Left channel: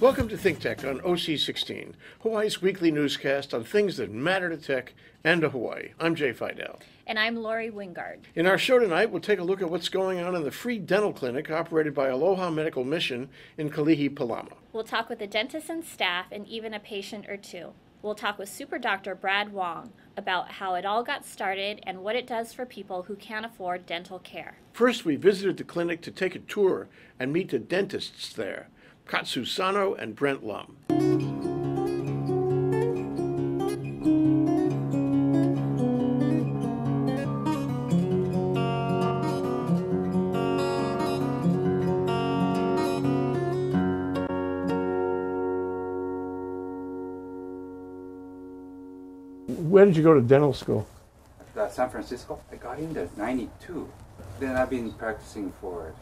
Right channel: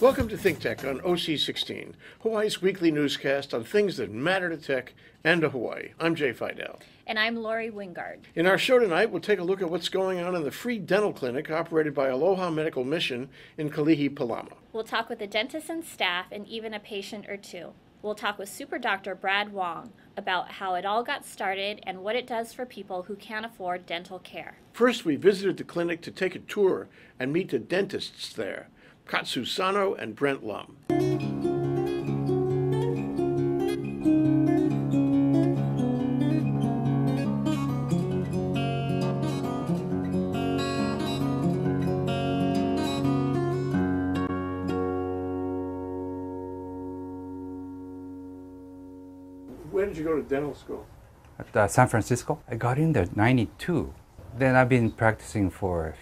Welcome to ThinkTech on OC16, Hawaii's weekly newscast on things that matter to tech and to Hawaii. I'm Jay Fidell. And I'm Lori Wingard. In our show tonight, we'll take a look at what's going on in the free dental clinic operated by Aloha Medical Mission in Kalihi-Palama. We'll talk with a dentist and staff and even a patient or two. We'll talk with Super Dr. Brad Wong about how it all got started and what it does for people who can't afford dental care. First, we visited the clinic to take a tour and meet the dentists there, Katsu Sano and Brendt Lum. When did you go to dental school? At San Francisco. I got in there in 92. Then I've been practicing for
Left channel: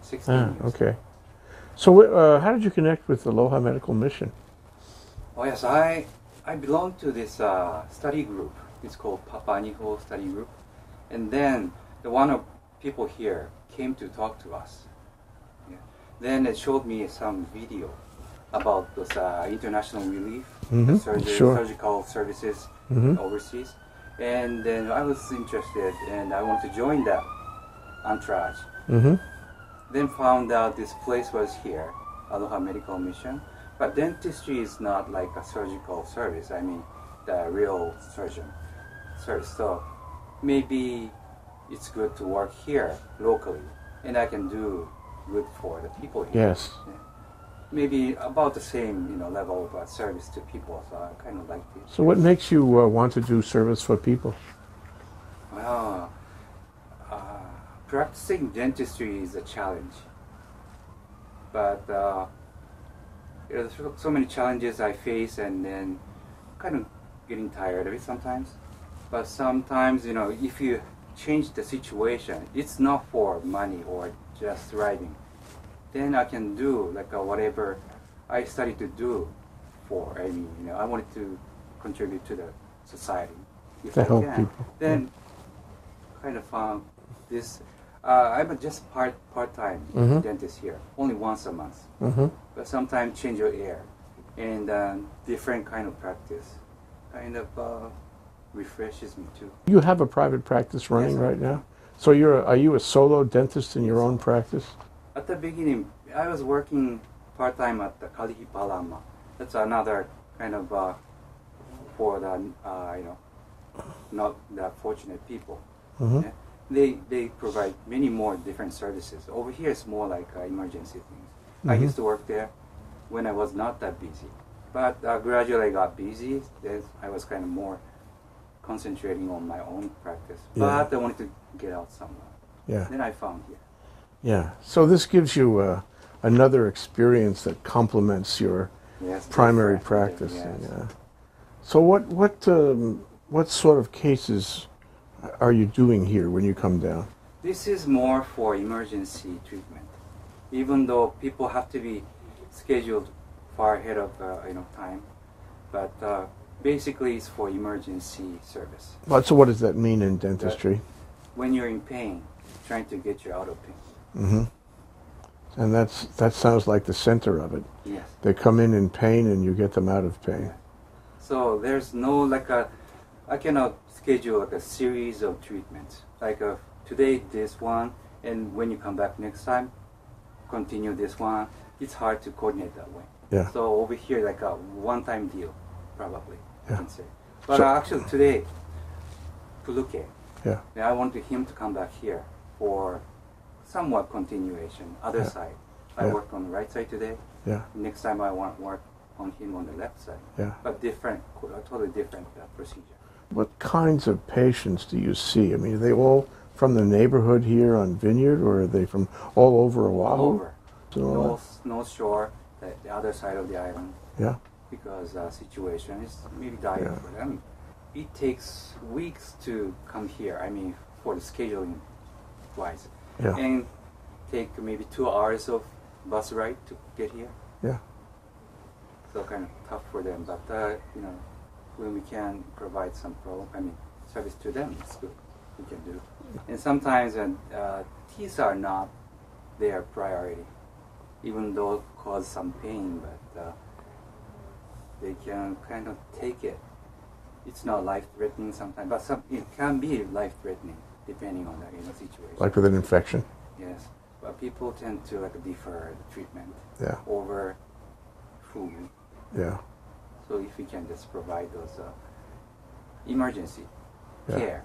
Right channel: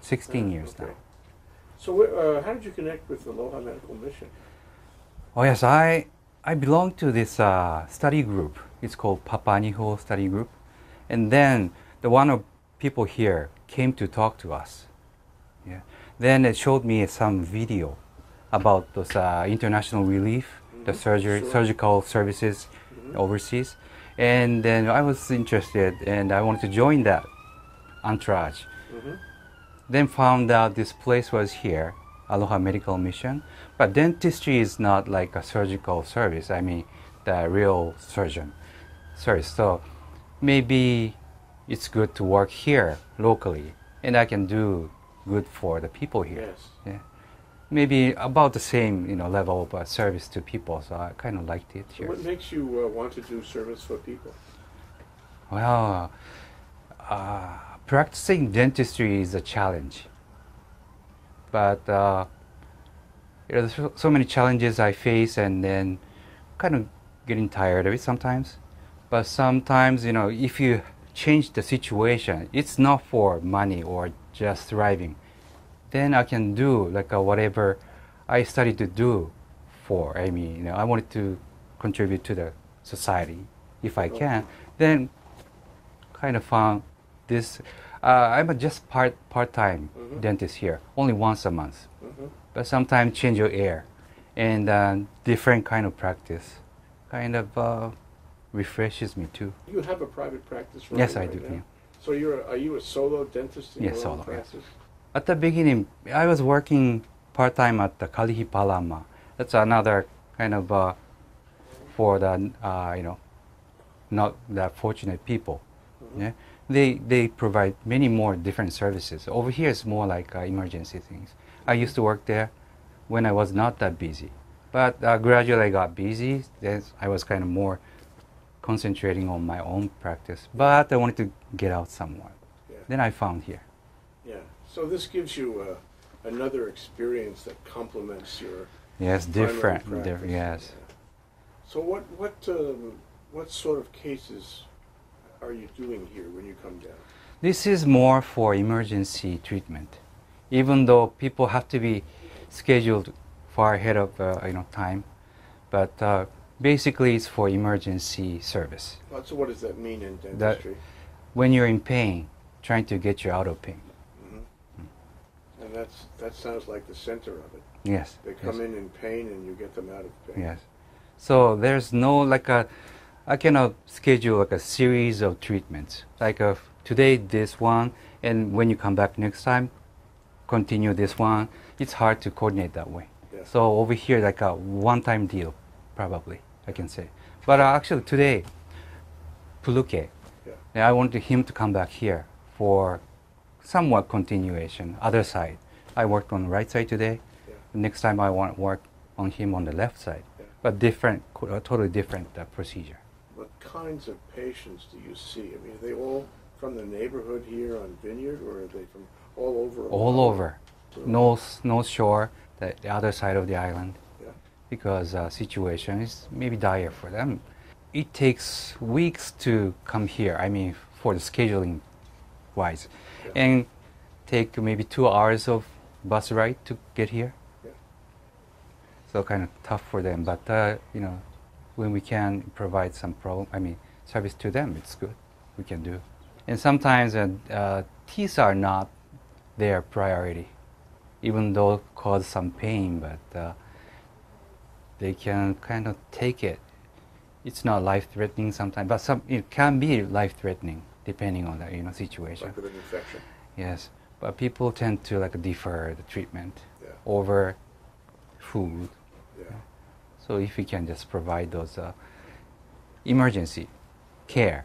16 years. Okay. So how did you connect with Aloha Medical Mission? Oh yes, I belong to this study group. It's called Papaniho Study Group. And then one of people here came to talk to us. Yeah. Then it showed me some video about those international relief, the surgical services overseas. And then I was interested and I wanted to join that entourage. Then found out this place was here, Aloha Medical Mission. But dentistry is not like a surgical service. I mean, the real surgeon service. So maybe it's good to work here locally, and I can do good for the people here. Yes. Yeah. Maybe about the same, level of service to people. So I kind of liked it. So what makes you want to do service for people? Well, practicing dentistry is a challenge, but there's so many challenges I face, and then kind of getting tired of it sometimes. But sometimes, if you change the situation, it's not for money or just thriving, then I can do like whatever I studied to do for. I mean, I wanted to contribute to the society if I can. Then kind of found this. I'm just part-time dentist here, only once a month. But sometimes change your air and different kind of practice kind of refreshes me too. You have a private practice running right now? So are you a solo dentist in your own practice? At the beginning, I was working part-time at the Kalihi-Palama. That's another kind of for the, not the fortunate people. Yeah? They provide many more different services. Over here, it's more like emergency things. I used to work there when I was not that busy. But gradually I got busy. Then I was kind of more concentrating on my own practice. But I wanted to get out somewhere. Yeah. Then I found here. Yeah. So this gives you another experience that complements your primary practice. Yes. Yeah. So what sort of cases are you doing here when you come down? This is more for emergency treatment, even though people have to be scheduled far ahead of time. But basically, it's for emergency service. So what does that mean in dentistry? When you're in pain, trying to get you out of pain. And that sounds like the center of it. Yes. They come in pain and you get them out of pain. Yes. So there's no I cannot schedule a series of treatments. Today this one, and when you come back next time, continue this one. It's hard to coordinate that way. Yeah. So over here, a one-time deal, probably, I can say. But actually today, Puluke, I wanted him to come back here for somewhat continuation, other side. I worked on the right side today. Yeah. Next time I want to work on him on the left side. Yeah. But totally different procedure. What kinds of patients do you see? I mean, are they all from the neighborhood here on Vineyard, or are they from all over Oahu? All over. So North Shore, the other side of the island. Yeah. Because situation is maybe dire for them. It takes weeks to come here, I mean, for the scheduling wise. Yeah. And take maybe 2 hours of bus ride to get here. Yeah. So kind of tough for them, but when we can provide some service to them, it's good. We can do. And sometimes teeth are not their priority. even though it cause some pain, but they can kind of take it. It's not life-threatening sometimes, but it can be life-threatening depending on the situation. Like with an infection. Yes, but people tend to like defer the treatment Yeah. over food. Yeah. So if we can just provide those emergency Yeah. care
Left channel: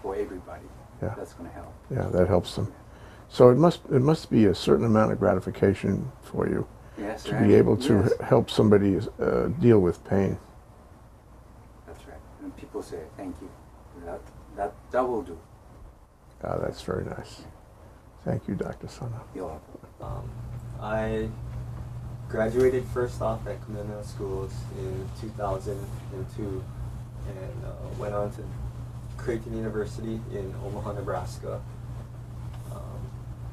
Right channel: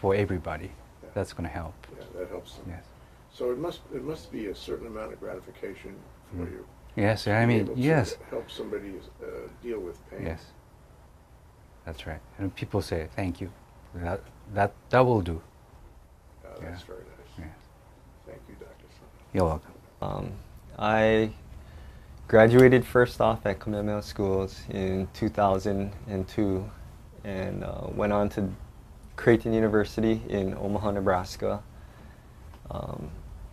for everybody, Yeah. that's going to help. Yeah, that helps them. Yes. So it must be a certain amount of gratification for you Yes, to I be mean, able to yes. help somebody deal with pain. Yes. That's right. And people say, thank you. That will do. That's very nice. Yes. Thank you, Dr. Sano. You're welcome. I graduated first off at Kamehameha Schools in 2002 and went on to Creighton University in Omaha, Nebraska.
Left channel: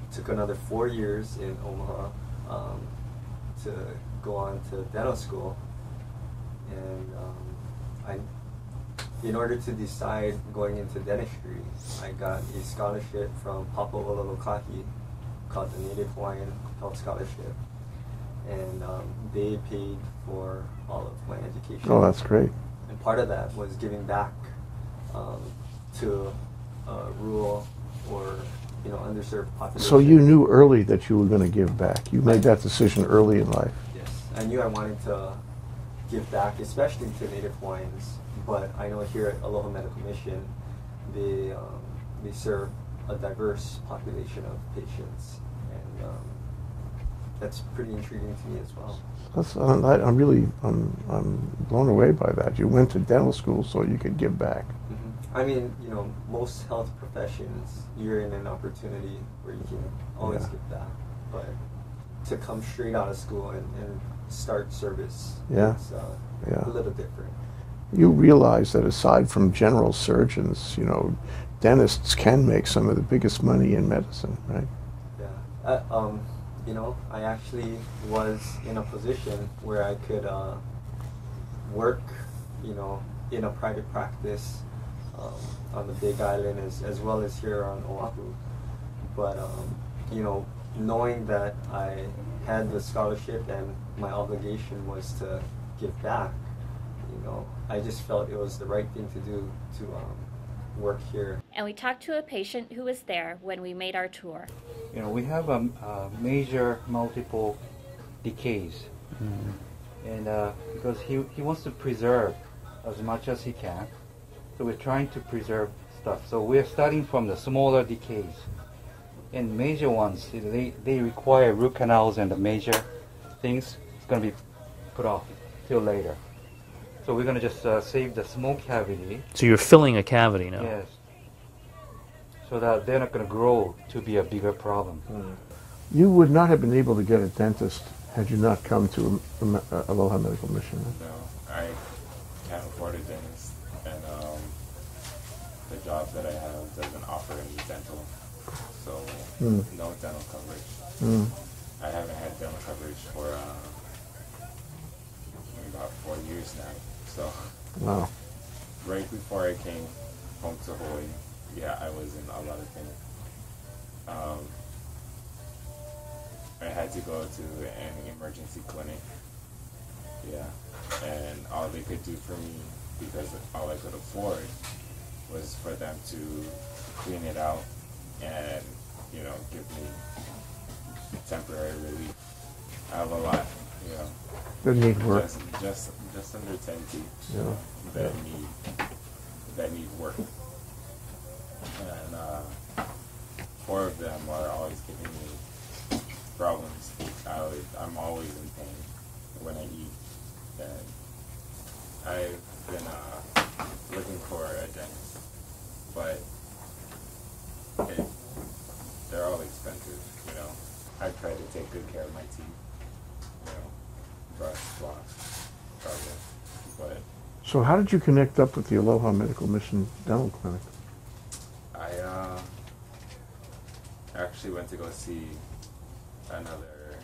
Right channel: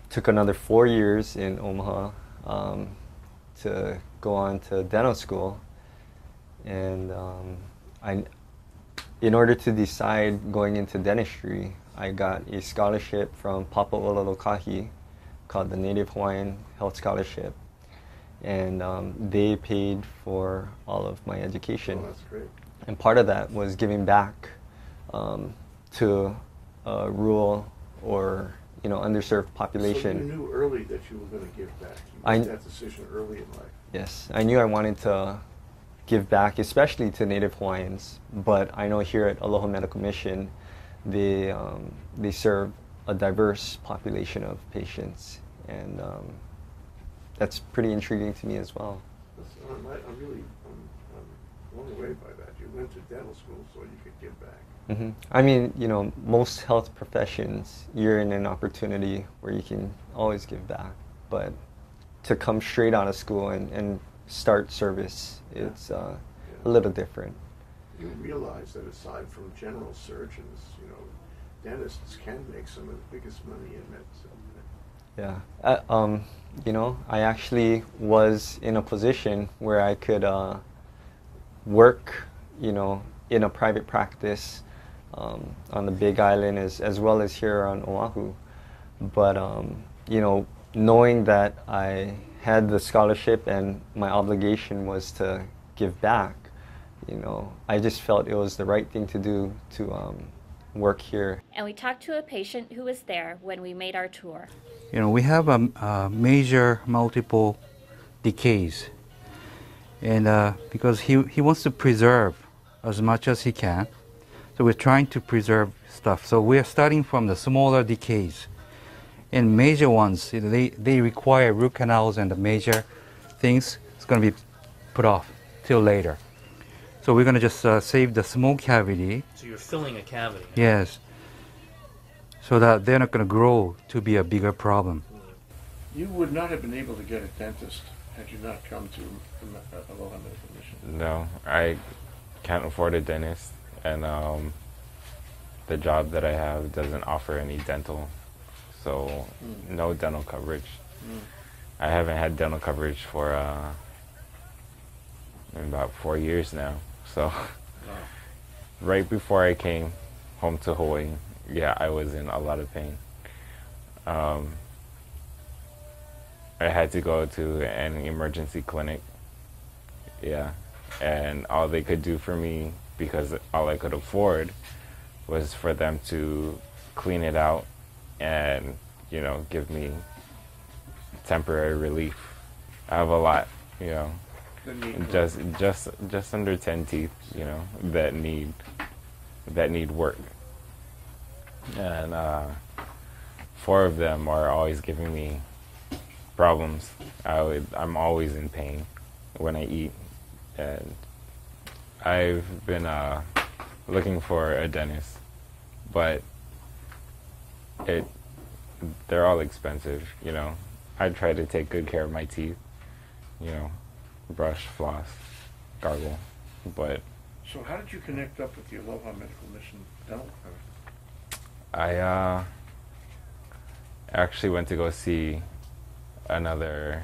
Took another 4 years in Omaha to go on to dental school. And in order to decide going into dentistry, I got a scholarship from Papa'ololokahi called the Native Hawaiian Health Scholarship. And they paid for all of my education. Oh, that's great. And part of that was giving back to rural or underserved population. So you knew early that you were going to give back. You made I- that decision early in life. Yes, I knew I wanted to give back, especially to Native Hawaiians. But I know here at Aloha Medical Mission, they serve a diverse population of patients, and that's pretty intriguing to me as well. I'm really blown away by that. You went to dental school so you could give back. Mm-hmm. I mean, most health professions, you're in an opportunity where you can always Yeah. give back. But to come straight out of school and start service, Yeah. it's Yeah. a little different. You realize that aside from general surgeons, dentists can make some of the biggest money in medicine, right? Yeah. I actually was in a position where I could work, in a private practice on the Big Island as well as here on Oahu. But, knowing that I had the scholarship and my obligation was to give back, I just felt it was the right thing to do to work here. And we talked to a patient who was there when we made our tour. We have a major multiple decays, and because he wants to preserve as much as he can, so we're trying to preserve stuff. So we're starting from the smaller decays, and major ones they require root canals, and the major things is going to be put off till later. So we're going to just save the small cavity. So you're filling a cavity now? Yes. So that they're not going to grow to be a bigger problem. You would not have been able to get a dentist had you not come to Aloha Medical Mission. No, I can't afford a dentist, and the job that I have doesn't offer any dental, so no dental coverage. I haven't had dental coverage for about 4 years now. So Wow. right before I came home to Hawaii, yeah, I was in a lot of pain. I had to go to an emergency clinic. Yeah, and all they could do for me, because all I could afford, was for them to clean it out and, give me temporary relief. I have a lot, Good need work. just under 10 teeth, that need work. And 4 of them are always giving me problems. I'm always in pain when I eat, and I've been looking for a dentist, but they're all expensive. I try to take good care of my teeth, brush, floss, gargle, but So how did you connect up with the Aloha Medical Mission Dental Clinic? I actually went to go see another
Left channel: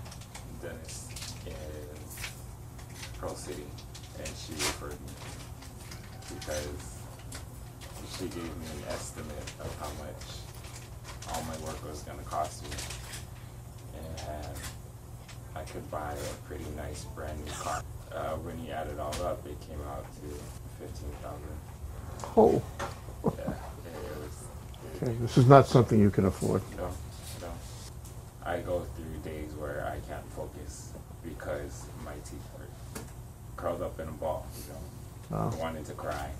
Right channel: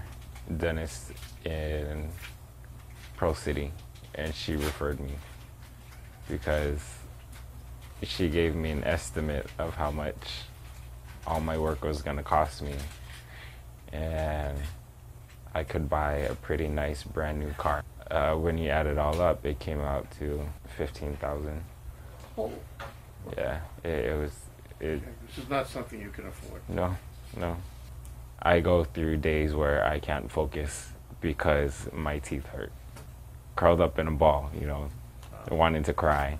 dentist in Pearl City, and she referred me because she gave me an estimate of how much all my work was going to cost me, and I could buy a pretty nice brand new car. When you add it all up, it came out to 15,000. Oh. Yeah, it was. Okay, this is not something you can afford. No. I go through days where I can't focus because my teeth hurt. Curled up in a ball, wanting to cry.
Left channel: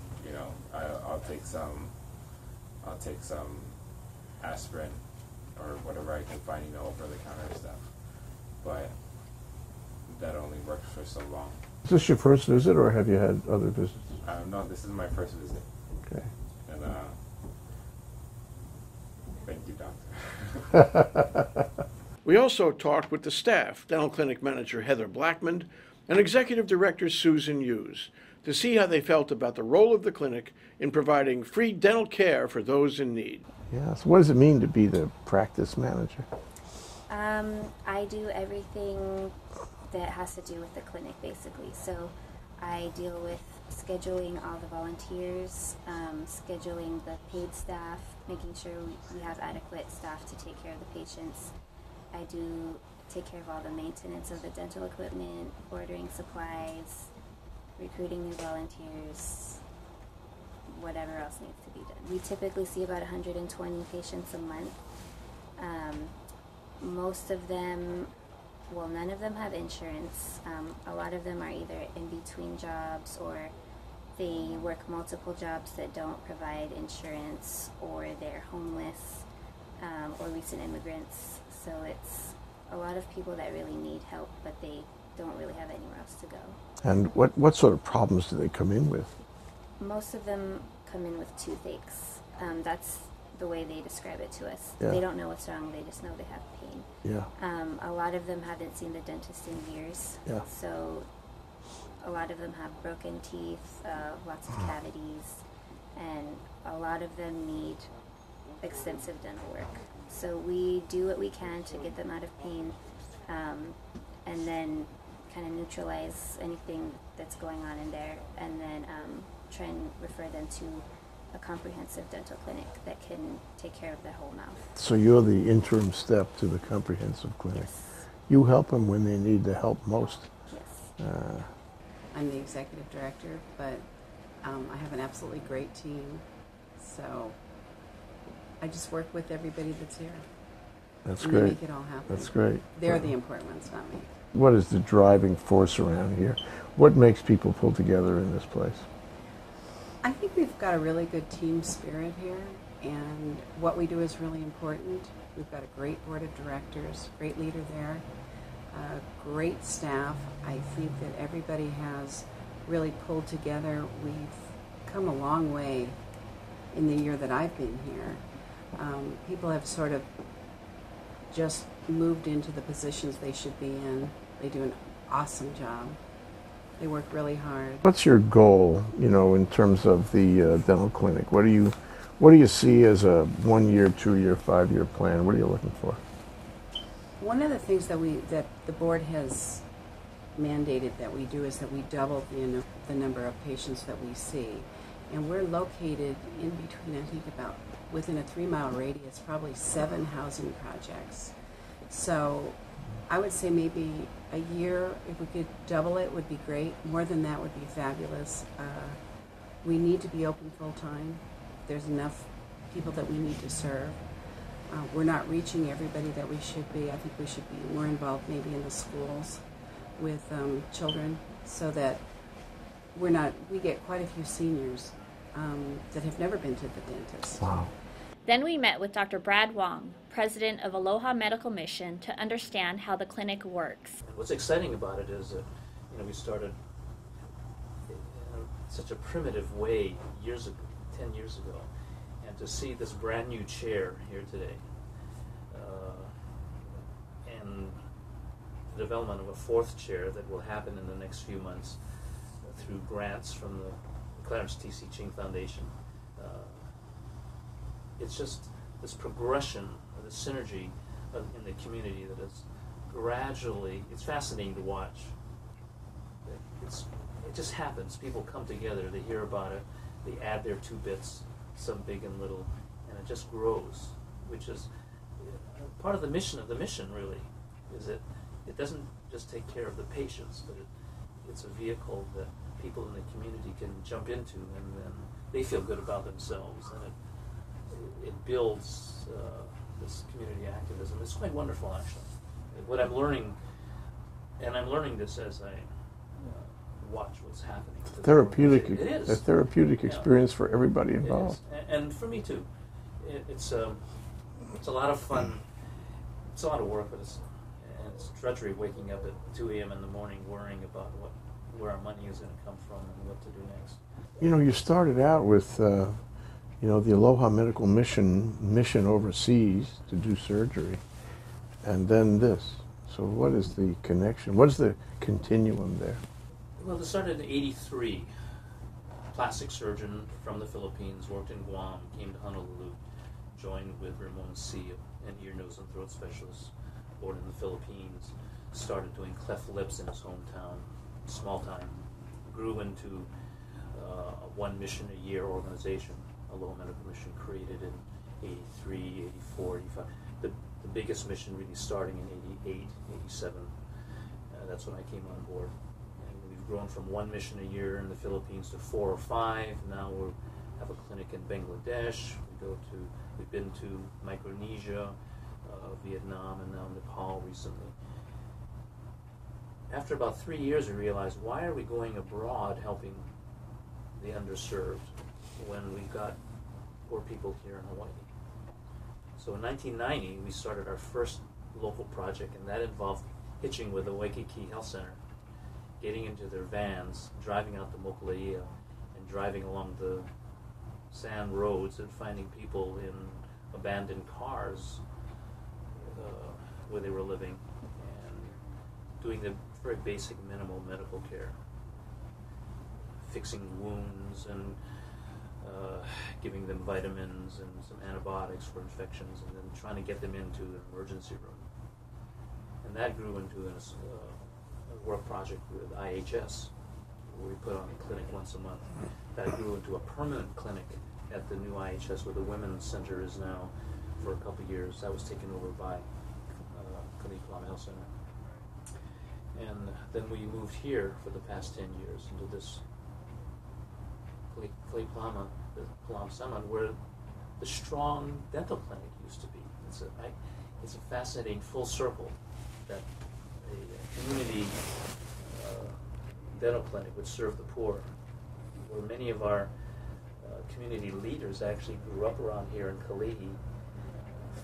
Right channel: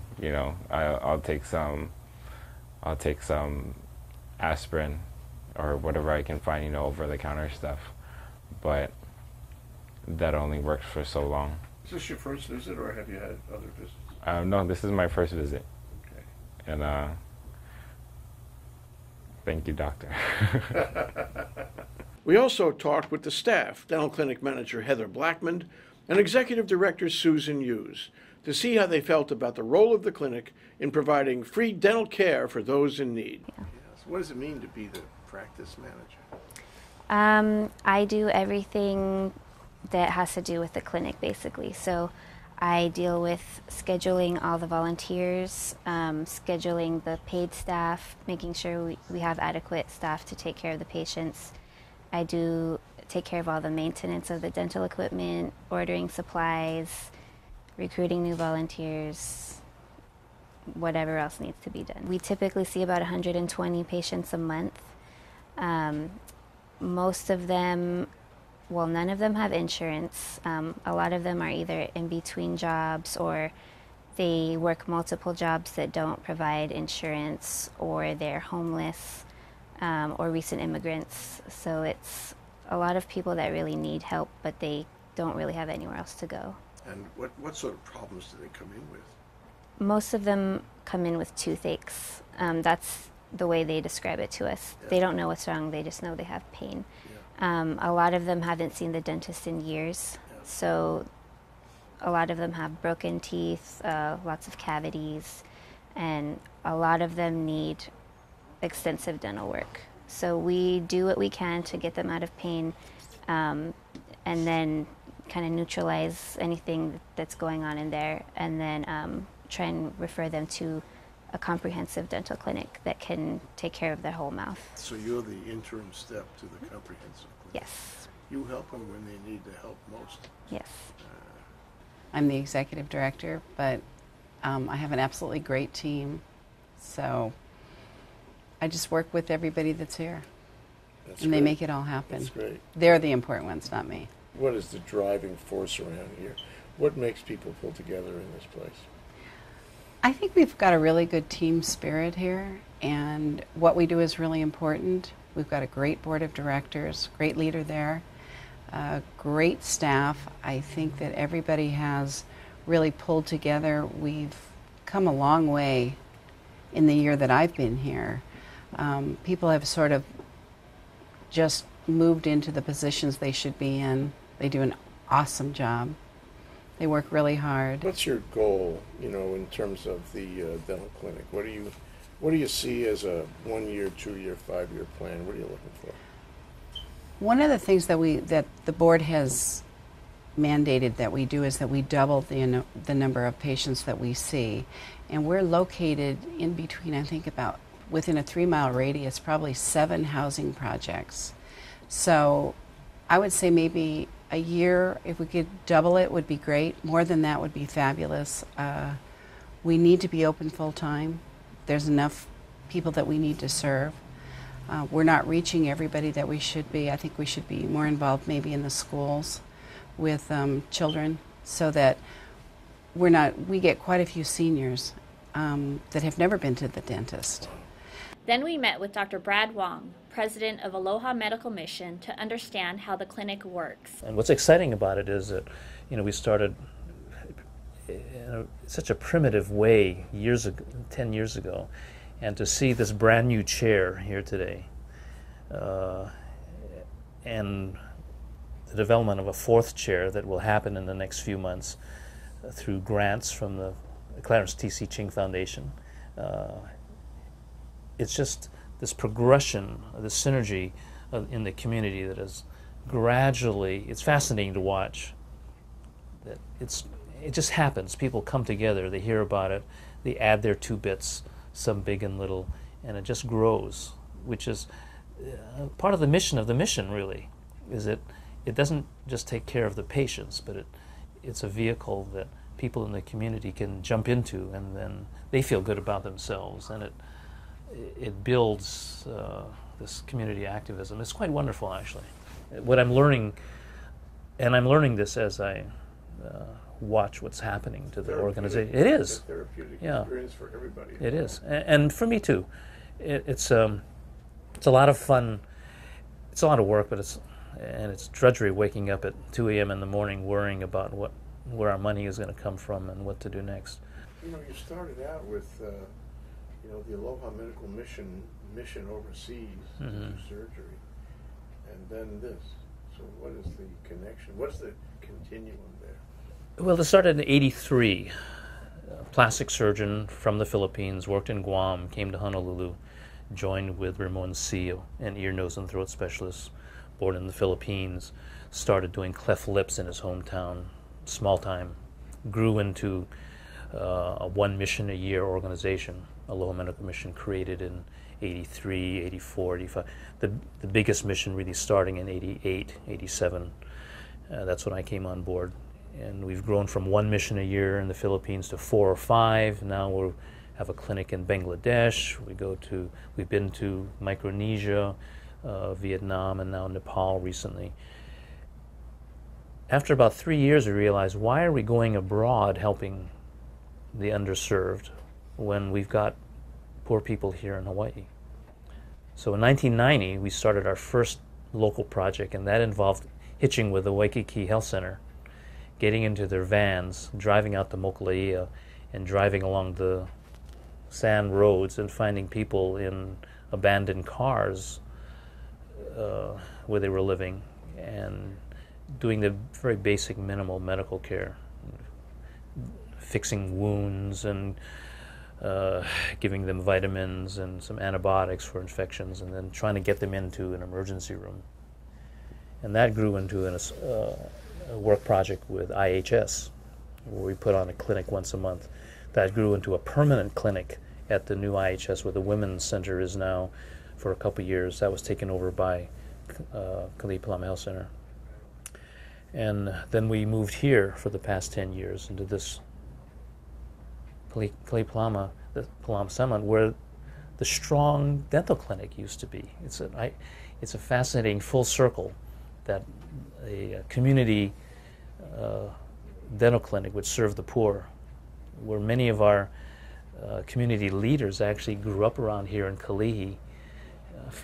I'll take some aspirin or whatever I can find, over the counter stuff. But that only works for so long. Is this your first visit, or have you had other visits? No, this is my first visit. Okay. And thank you, doctor. We also talked with the staff, dental clinic manager Heather Blackmond and executive director Susan Hughes, to see how they felt about the role of the clinic in providing free dental care for those in need. Yeah, so what does it mean to be the practice manager? I do everything that has to do with the clinic, basically. So I deal with scheduling all the volunteers, scheduling the paid staff, making sure we have adequate staff to take care of the patients. I do take care of all the maintenance of the dental equipment, ordering supplies, recruiting new volunteers, whatever else needs to be done. We typically see about 120 patients a month. Most of them, well, none of them have insurance. A lot of them are either in between jobs, or they work multiple jobs that don't provide insurance, or they're homeless, or recent immigrants. So it's a lot of people that really need help, but they don't really have anywhere else to go. And what sort of problems do they come in with? Most of them come in with toothaches. That's the way they describe it to us. Yeah. They don't know what's wrong, they just know they have pain. Yeah. A lot of them haven't seen the dentist in years. Yeah. So a lot of them have broken teeth, lots of cavities, and a lot of them need extensive dental work. So we do what we can to get them out of pain, and then kind of neutralize anything that's going on in there, and then try and refer them to a comprehensive dental clinic that can take care of their whole mouth. So you're the interim step to the comprehensive clinic. Yes. You help them when they need the help most. Yes. I'm the executive director, but I have an absolutely great team. So I just work with everybody that's here. That's and great. they make it all happen. That's great. They're the important ones, not me. What is the driving force around here? What makes people pull together in this place? I think we've got a really good team spirit here, and what we do is really important. We've got a great board of directors, great leader there, great staff. I think that everybody has really pulled together. We've come a long way in the year that I've been here. People have sort of just moved into the positions they should be in. They do an awesome job. They work really hard. What's your goal, in terms of the dental clinic? What do you see as a 1 year, 2 year, 5 year plan? What are you looking for? One of the things that the board has mandated that we do is that we double the number of patients that we see, and we're located in between, I think, about within a 3-mile radius, probably 7 housing projects. So I would say maybe a year, if we could double it, would be great. More than that would be fabulous. We need to be open full time. There's enough people that we need to serve. We're not reaching everybody that we should be. I think we should be more involved maybe in the schools with children, so that we get quite a few seniors that have never been to the dentist. Wow. Then we met with Dr. Brad Wong, president of Aloha Medical Mission, to understand how the clinic works. And what's exciting about it is that, we started in such a primitive way 10 years ago, and to see this brand new chair here today, and the development of a 4th chair that will happen in the next few months through grants from the Clarence T.C. Ching Foundation. It's just this progression, this synergy in the community that is gradually, it's fascinating to watch. It just happens. People come together, they hear about it, they add their 2 bits, some big and little, and it just grows, which is part of the mission really, is that it doesn't just take care of the patients, but it's a vehicle that people in the community can jump into, and then they feel good about themselves, and it builds this community activism. It's quite wonderful, actually. What I'm learning, and I'm learning this as I watch what's happening to the organization. It is a therapeutic experience for everybody involved. It is, and for me too. It's a lot of fun. It's a lot of work, but it's drudgery waking up at 2 a.m. in the morning worrying about where our money is going to come from and what to do next. You know, you started out with, the Aloha Medical Mission overseas to do surgery, and then this. So what is the connection? What is the continuum there? Well, it started in '83. A plastic surgeon from the Philippines, worked in Guam, came to Honolulu, joined with Ramon C., an ear, nose, and throat specialist born in the Philippines, started doing cleft lips in his hometown, small time, grew into a one mission a year organization, Aloha Medical Mission, created in '83, '84, '85. The biggest mission really starting in '88, '87. That's when I came on board. And we've grown from one mission a year in the Philippines to 4 or 5. Now we have a clinic in Bangladesh. We've been to Micronesia, Vietnam, and now Nepal recently. After about 3 years, we realized, why are we going abroad helping the underserved when we've got poor people here in Hawaii? So in 1990, we started our first local project, and that involved hitching with the Waikiki Health Center, getting into their vans, driving out to Mokuleia, and driving along the sand roads and finding people in abandoned cars where they were living, and doing the very basic minimal medical care, fixing wounds and giving them vitamins and some antibiotics for infections, and then trying to get them into an emergency room. And that grew into a work project with IHS, where we put on a clinic once a month. That grew into a permanent clinic at the new IHS, where the Women's Center is now for a couple years. That was taken over by Kalihi-Palama Health Center. And then we moved here for the past 10 years into this Kalihi-Palama, the Palama settlement, where the strong dental clinic used to be. It's a fascinating full circle that a community dental clinic would serve the poor, where many of our community leaders actually grew up around here in Kalihi,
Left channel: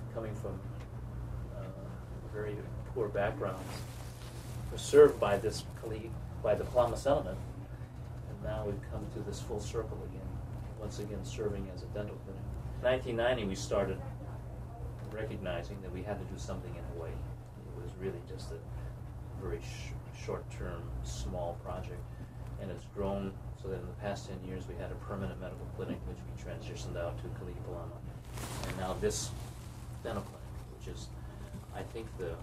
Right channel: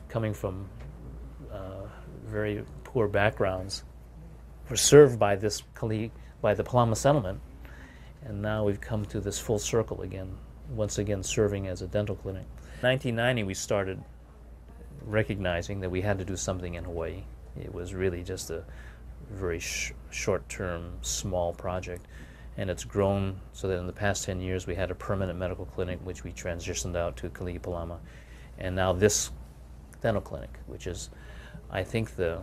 coming from very poor backgrounds, were served by by the Palama settlement, and now we've come to this full circle again, once again serving as a dental clinic. In 1990, we started recognizing that we had to do something in Hawaii. It was really just a very short-term, small project, and it's grown so that in the past 10 years we had a permanent medical clinic, which we transitioned out to Kalihi-Palama, and now this dental clinic, which is, I think, the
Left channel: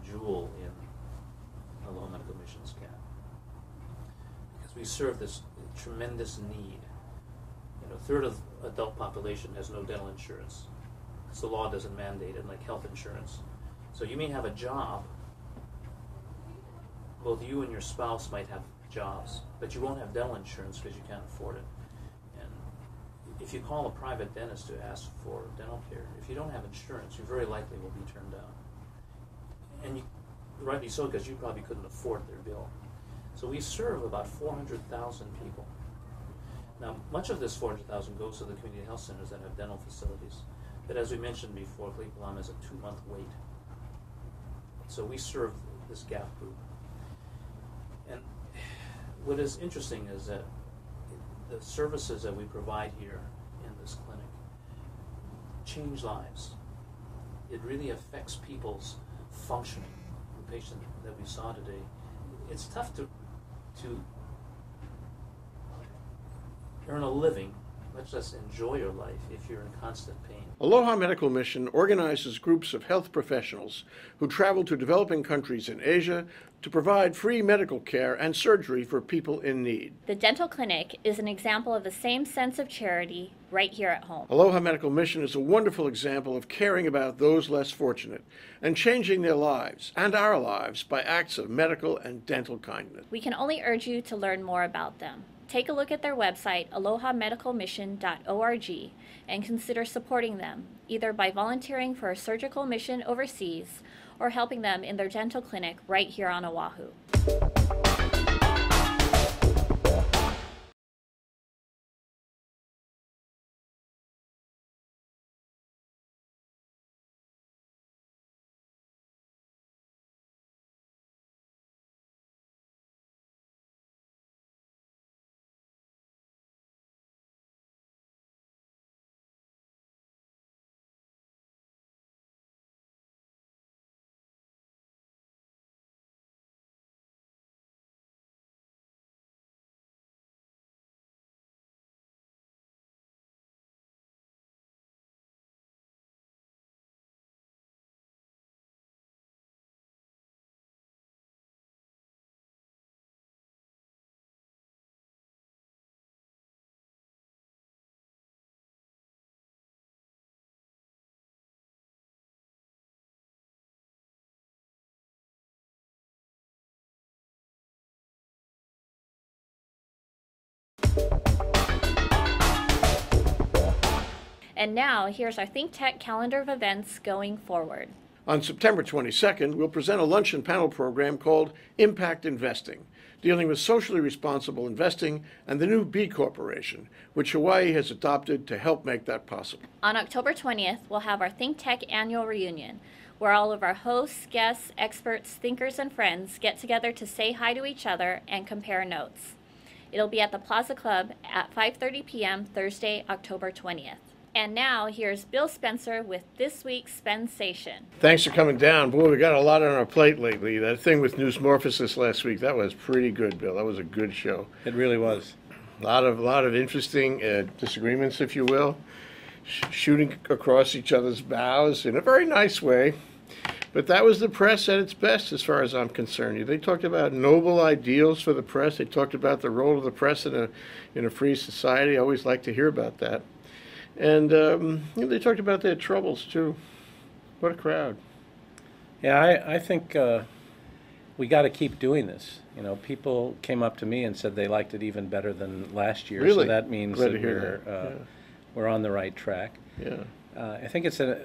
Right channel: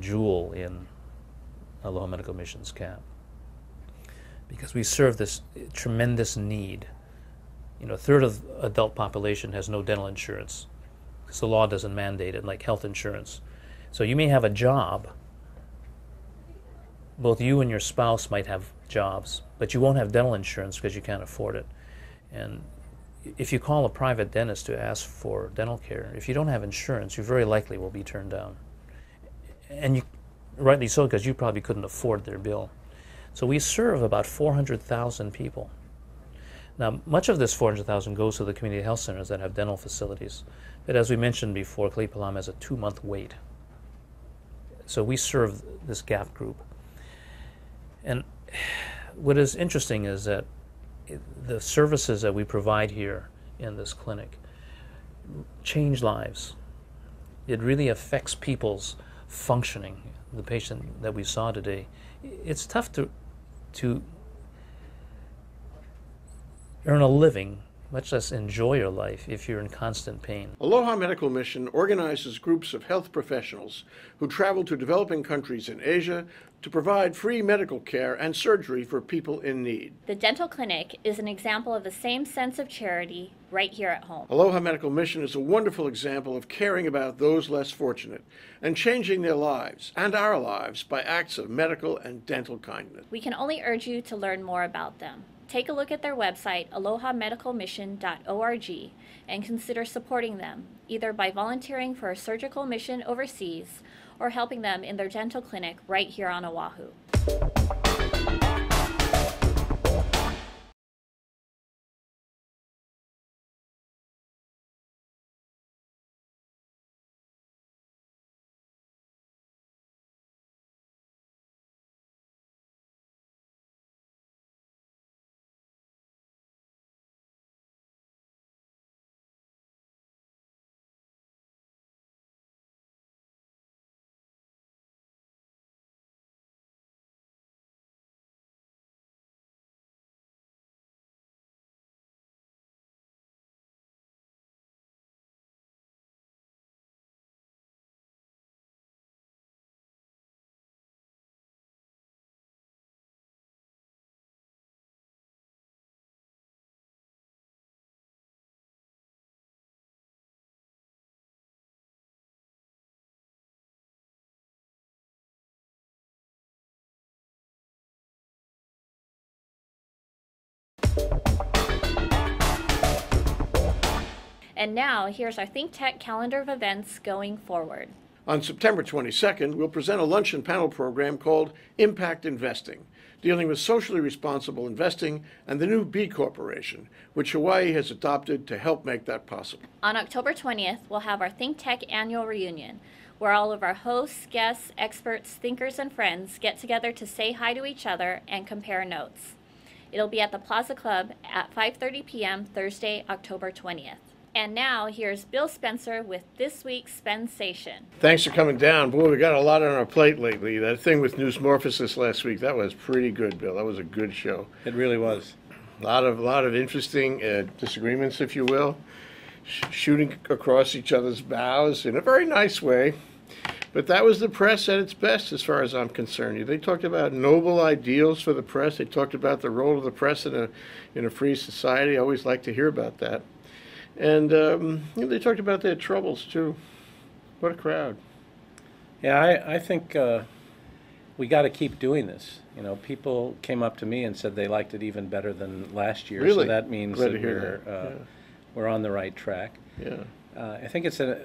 jewel in Aloha Medical Mission's cap, because we serve this tremendous need. You know, a third of the adult population has no dental insurance because the law doesn't mandate it, like health insurance. So you may have a job, both you and your spouse might have jobs, but you won't have dental insurance because you can't afford it. And if you call a private dentist to ask for dental care, if you don't have insurance, you very likely will be turned down. And you, rightly so, because you probably couldn't afford their bill. So we serve about 400,000 people. Now, much of this 400,000 goes to the community health centers that have dental facilities. But as we mentioned before, Kalihi-Palama has a 2-month wait. So we serve this gap group. And what is interesting is that the services that we provide here in this clinic change lives. It really affects people's functioning. The patient that we saw today, it's tough to earn a living much less enjoy your life if you're in constant pain. Aloha Medical Mission organizes groups of health professionals who travel to developing countries in Asia to provide free medical care and surgery for people in need. The dental clinic is an example of the same sense of charity right here at home. Aloha Medical Mission is a wonderful example of caring about those less fortunate and changing their lives and our lives by acts of medical and dental kindness. We can only urge you to learn more about them. Take a look at their website, alohamedicalmission.org, and consider supporting them, either by volunteering for a surgical mission overseas or helping them in their dental clinic right here on Oahu. And now, here's our ThinkTech calendar of events going forward. On September 22nd, we'll present a luncheon panel program called Impact Investing, dealing with socially responsible investing and the new B Corporation, which Hawaii has adopted to help make that possible. On October 20th, we'll have our ThinkTech annual reunion, where all of our hosts, guests, experts, thinkers, and friends get together to say hi to each other and compare notes. It'll be at the Plaza Club at 5:30 p.m. Thursday, October 20th. And now, here's Bill Spencer with this week's Spensation. Thanks for coming down. Boy, we got a lot on our plate lately. That thing with Newsmorphisis last week, that was pretty good, Bill. That was a good show. It really was. A lot of interesting disagreements, if you will, shooting across each other's bows in a very nice way. But that was the press at its best, as far as I'm concerned. They talked about noble ideals for the press. They talked about the role of the press in a free society. I always like to hear about that. And they talked about their troubles, too. What a crowd. Yeah, I think we got to keep doing this. You know, people came up to me and said they liked it even better than last year. Really? So that means Glad to that hear that. we're on the right track. Yeah. I think it's a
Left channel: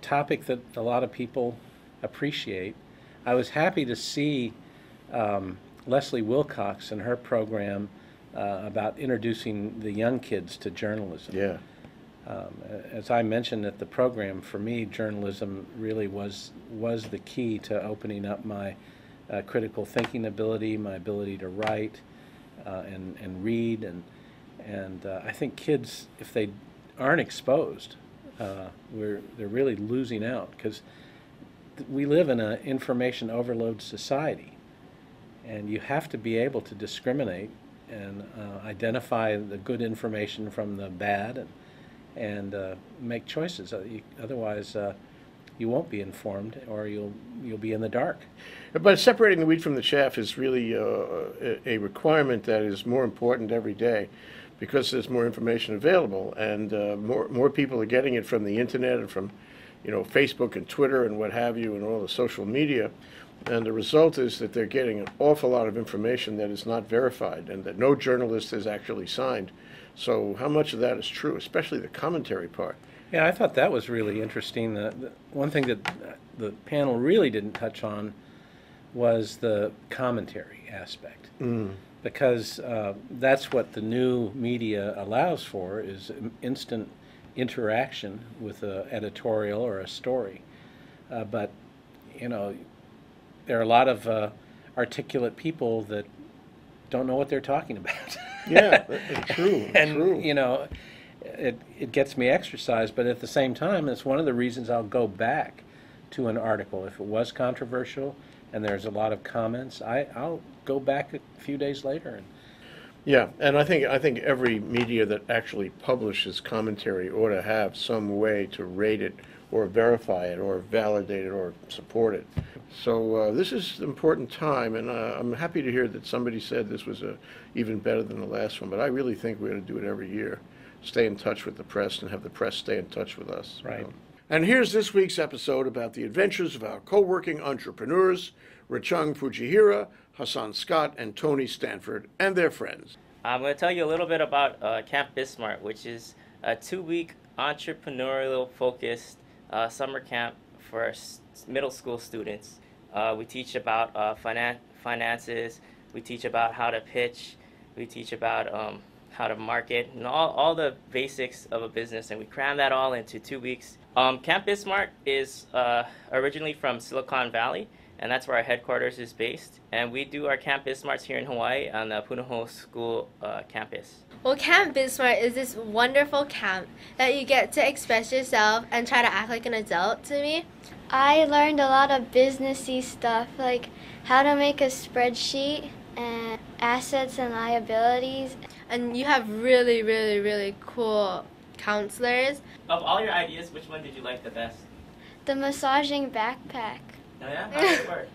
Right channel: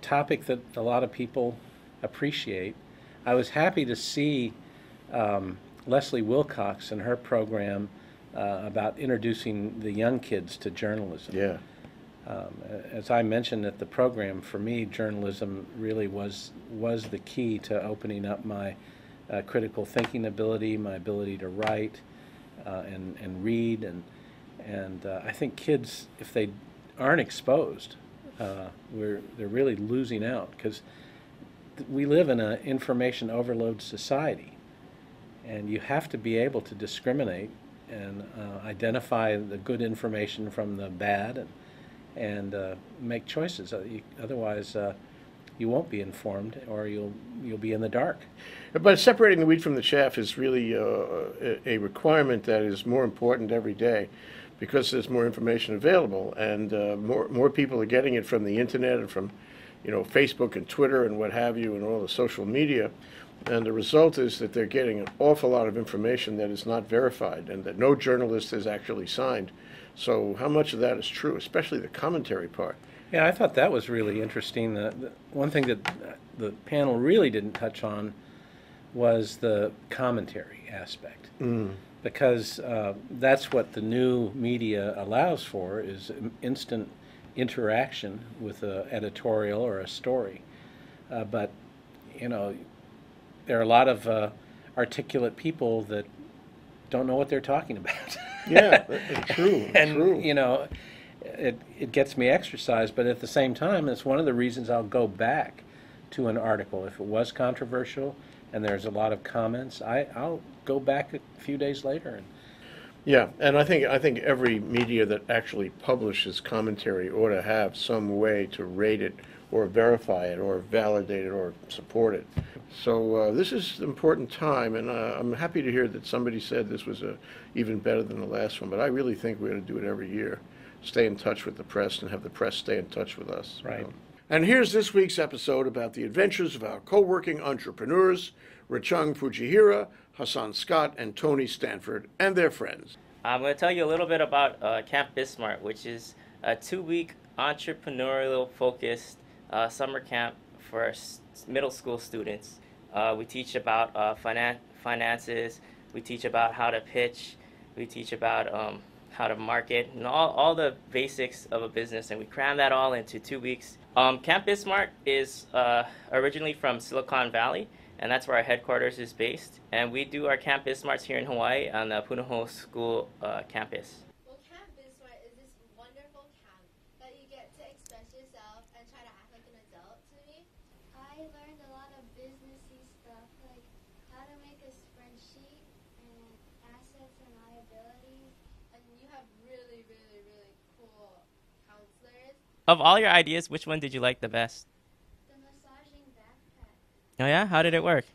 topic that a lot of people appreciate. I was happy to see Leslie Wilcox and her program about introducing the young kids to journalism. Yeah. As I mentioned at the program, for me, journalism really was the key to opening up my critical thinking ability, my ability to write and read, and I think kids, if they aren't exposed, they're really losing out, because we live in an information overload society, and you have to be able to discriminate and identify the good information from the bad, and make choices. Otherwise, you won't be informed, or you'll be in the dark. But separating the wheat from the chaff is really a requirement that is more important every day, because there's more information available, and more people are getting it from the internet and from, Facebook and Twitter and what have you, and all the social media. And the result is that they're getting an awful lot of information that is not verified and that no journalist has actually signed. So how much of that is true, especially the commentary part? Yeah, I thought that was really interesting. The one thing that the panel really didn't touch on was the commentary aspect, because that's what the new media allows for, is instant interaction with an editorial or a story. But, there are a lot of articulate people that don't know what they're talking about. Yeah, true. And, true. It gets me exercised, but at the same time, it's one of the reasons I'll go back to an article. If it was controversial and there's a lot of comments, I'll go back a few days later. Yeah, and I think every media that actually publishes commentary ought to have some way to rate it or verify it or validate it or support it. So this is an important time, and I'm happy to hear that somebody said this was even better than the last one, but I really think we ought to do it every year. Stay in touch with the press and have the press stay in touch with us. Right. You know. And here's this week's episode about the adventures of our co-working entrepreneurs, Rechung Fujihira, Hassan Scott, and Tony Stanford, and their friends. I'm going to tell you a little bit about Camp Bismarck, which is a 2-week entrepreneurial-focused summer camp for middle school students. We teach about finances, we teach about how to pitch, we teach about how to market, and all the basics of a business, and we cram that all into 2 weeks. Camp Bismarck is originally from Silicon Valley, and that's where our headquarters is based. And we do our Camp Bismarcks here in Hawaii on the Punahou School campus. Well, Camp Bismarck is this wonderful camp that you get to express yourself and try to act like an adult to me. I learned a lot of businessy stuff, like how to make a spreadsheet and assets and liabilities. And you have really, really, really cool counselors. Of all your ideas, which one did you like the best? The massaging backpack. Oh yeah? How did it work?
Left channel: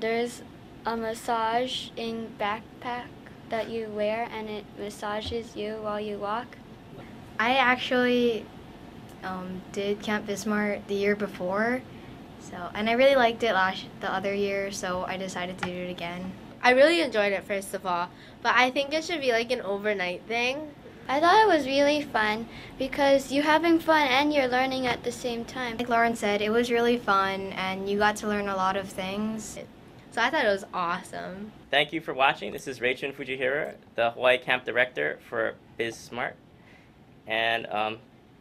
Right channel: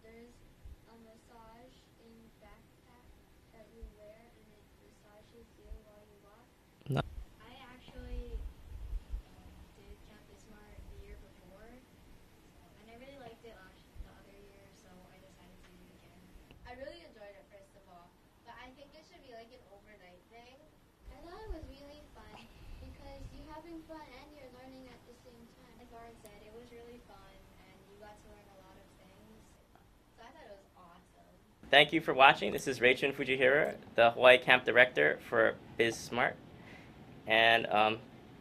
There's a massaging backpack that you wear and it massages you while you walk. No. I actually did Camp Bismarck the year before, and I really liked it the other year, so I decided to do it again. I really enjoyed it, first of all, but I think it should be like an overnight thing. I thought it was really fun because you're having fun and you're learning at the same time. Like Lauren said, it was really fun and you got to learn a lot of things. So I thought it was awesome. Thank you for watching. This is Rechung Fujihira, the Hawaii Camp Director for Bismarck. And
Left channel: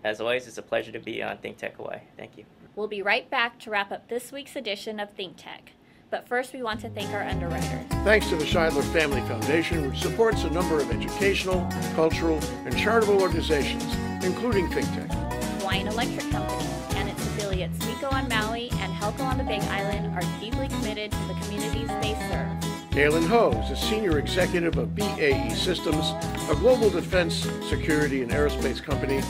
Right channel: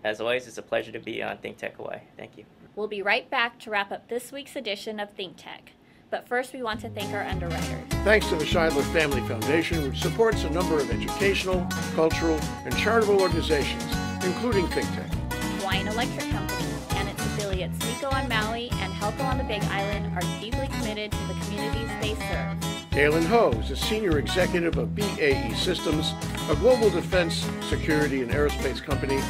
as always, it's a pleasure to be on ThinkTech Hawaii. Thank you. We'll be right back to wrap up this week's edition of ThinkTech. But first, we want to thank our underwriters. Thanks to the Scheidler Family Foundation, which supports a number of educational, cultural, and charitable organizations, including ThinkTech. Hawaiian Electric Company and its affiliates Miko on Maui and Helco on the Big Island are deeply committed to the communities they serve. Galen Ho is a senior executive of BAE Systems, a global defense, security, and aerospace company.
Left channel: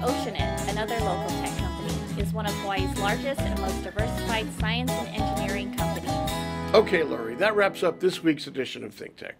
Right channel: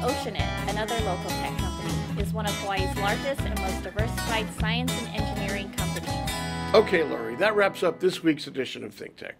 Oceanit, another local tech company, is one of Hawaii's largest and most diversified science and engineering companies. Okay, Lori, that wraps up this week's edition of ThinkTech.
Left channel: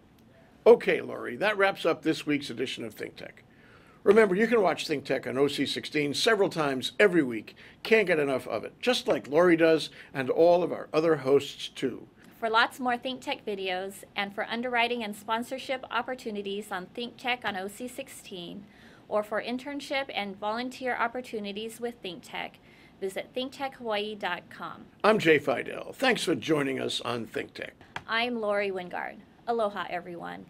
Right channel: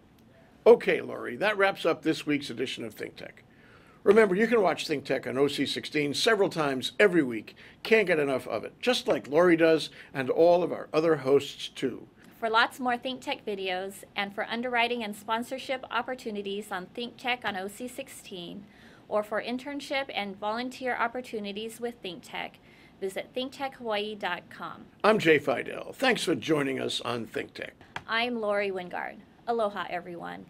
Remember, you can watch ThinkTech on OC16 several times every week. Can't get enough of it, just like Lori does and all of our other hosts, too. For lots more ThinkTech videos and for underwriting and sponsorship opportunities on ThinkTech on OC16, or for internship and volunteer opportunities with ThinkTech, visit thinktechhawaii.com. I'm Jay Fidell. Thanks for joining us on ThinkTech. I'm Lori Wingard. Aloha, everyone.